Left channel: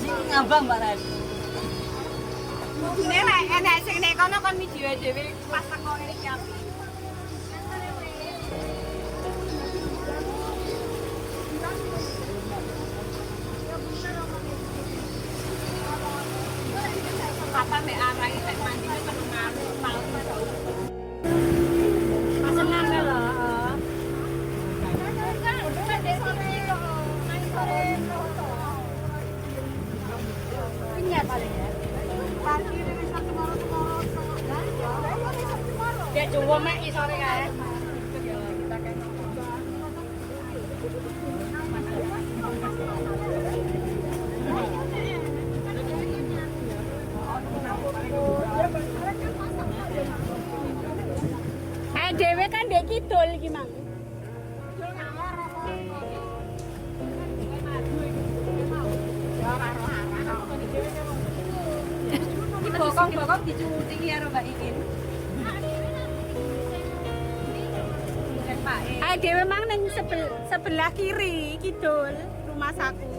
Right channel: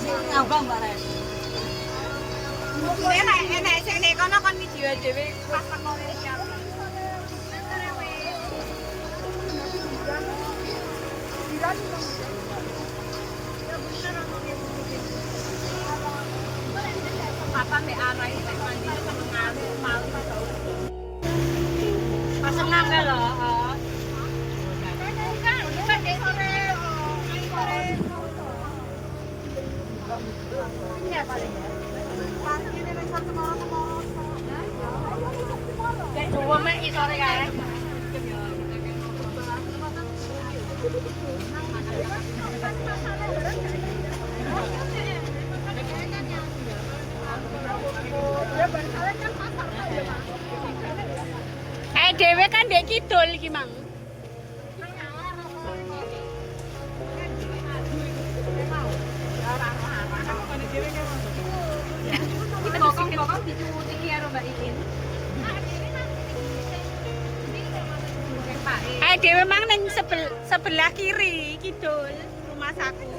sih ngabang Mbak Ren. Enak sing nek kono kon video dhewe pas mau iki. Apa mek arah iki nek mandi ngalu tahu. Pesenan lho, heeh. Udah sore. Ini paling ya. Ya coba mek sore kae. Dhewe kan ndek kidul iki, Mang. Bokong-bokong dicuwuti karo Mbak Ikin. Dhewe mang ning sebelah kiri kidul rumah saku.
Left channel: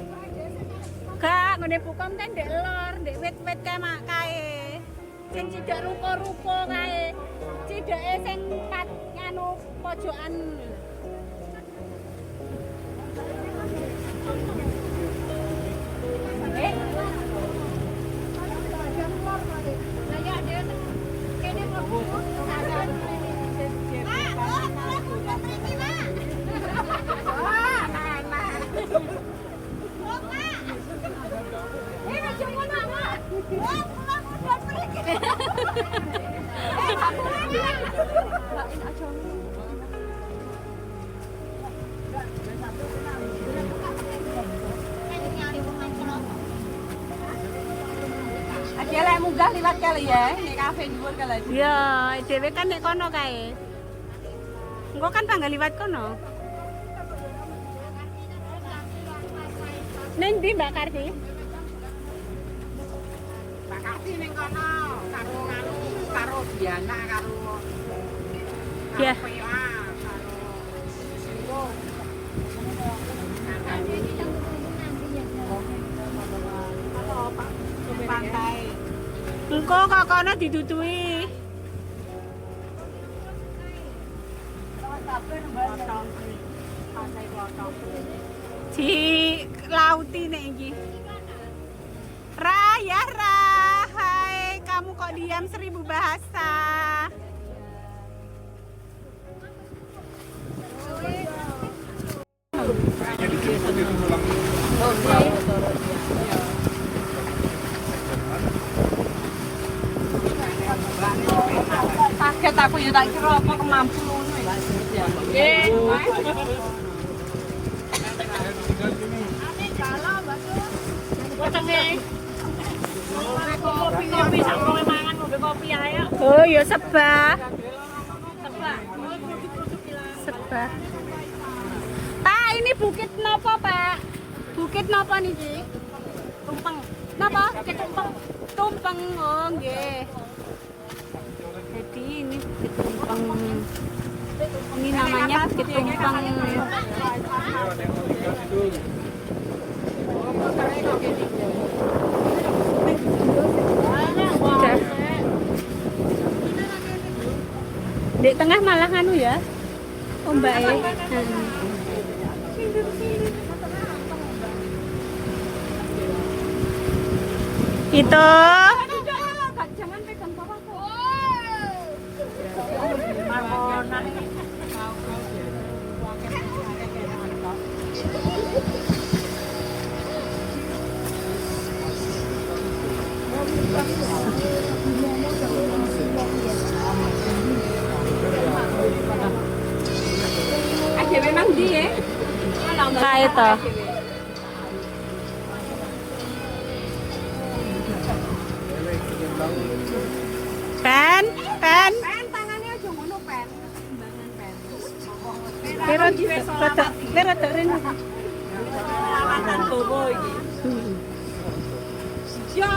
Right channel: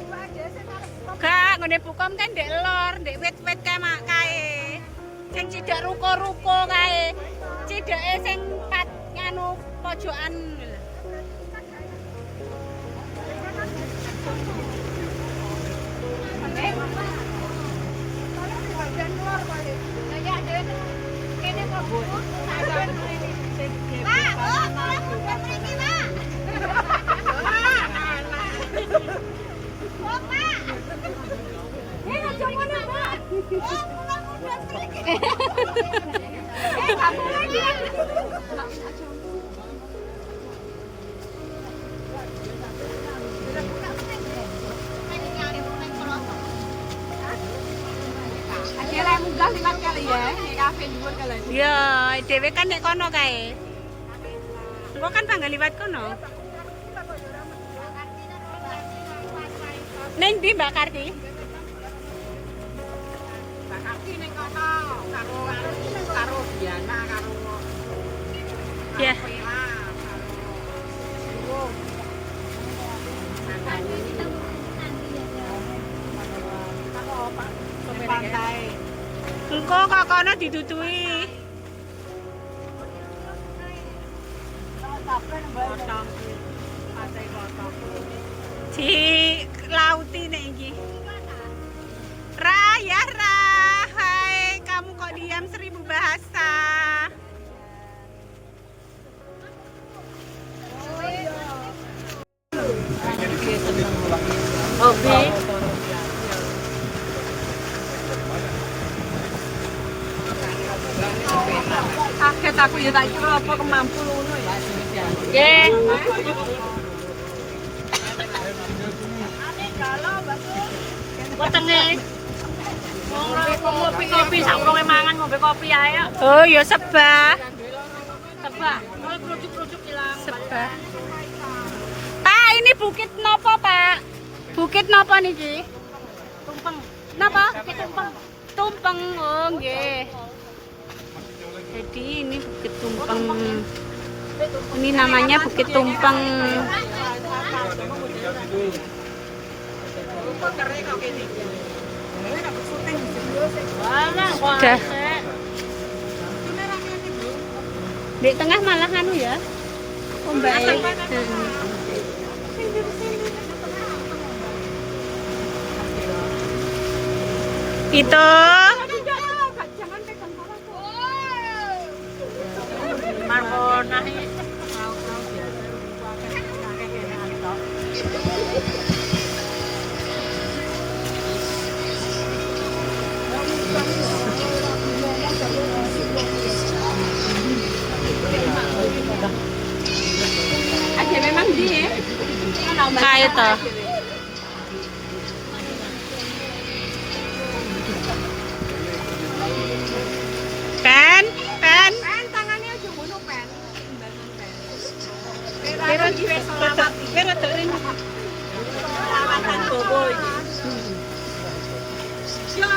Gak ngene bukom kan ndek lor, ndek wit-wit kae. Sing cidak ruko-ruko kae. Cidake sing pat nganu pojokan lho. Akhirnya munggah liwat kali ya, di kafe dhuwur kali. Ya, dhewe kan nek kono kae. Engko kan tanggal liwat kono. Ning ndi Mbak Karti? Mbak Karti ning kono karo Diana karo. Ya. Pantai. Engko kok kono didudui. Di lauti nek iki. Ra ya Ra. Hai, kamu kok diam 1000 bahasa. Oke. Kaget aku ya tak kira apa kemampu ngono ya. Nggih. Ane galau, Mbak Su. Wetenge. Ngopi-ngopi sak urunge mangan ngombe kopi ae. Oh, ya sebah. Sebah. Produk-produk ilang. Sebah. Pak, ini bukit napa, Pak? Bukit napa niki? Tumpeng. Napa? Bukit tumpeng. Tumpeng, oh nggih. Jadi ini Bukit Tumpeng. Ini namanya Bukit Tumpeng. Sudah. Di tengah malah anu ya. Mbak. Itu aja memang dia kayak toh. Pen tangannya aja ngono pen. Kira rene. Lawatan bobo iki. Ya.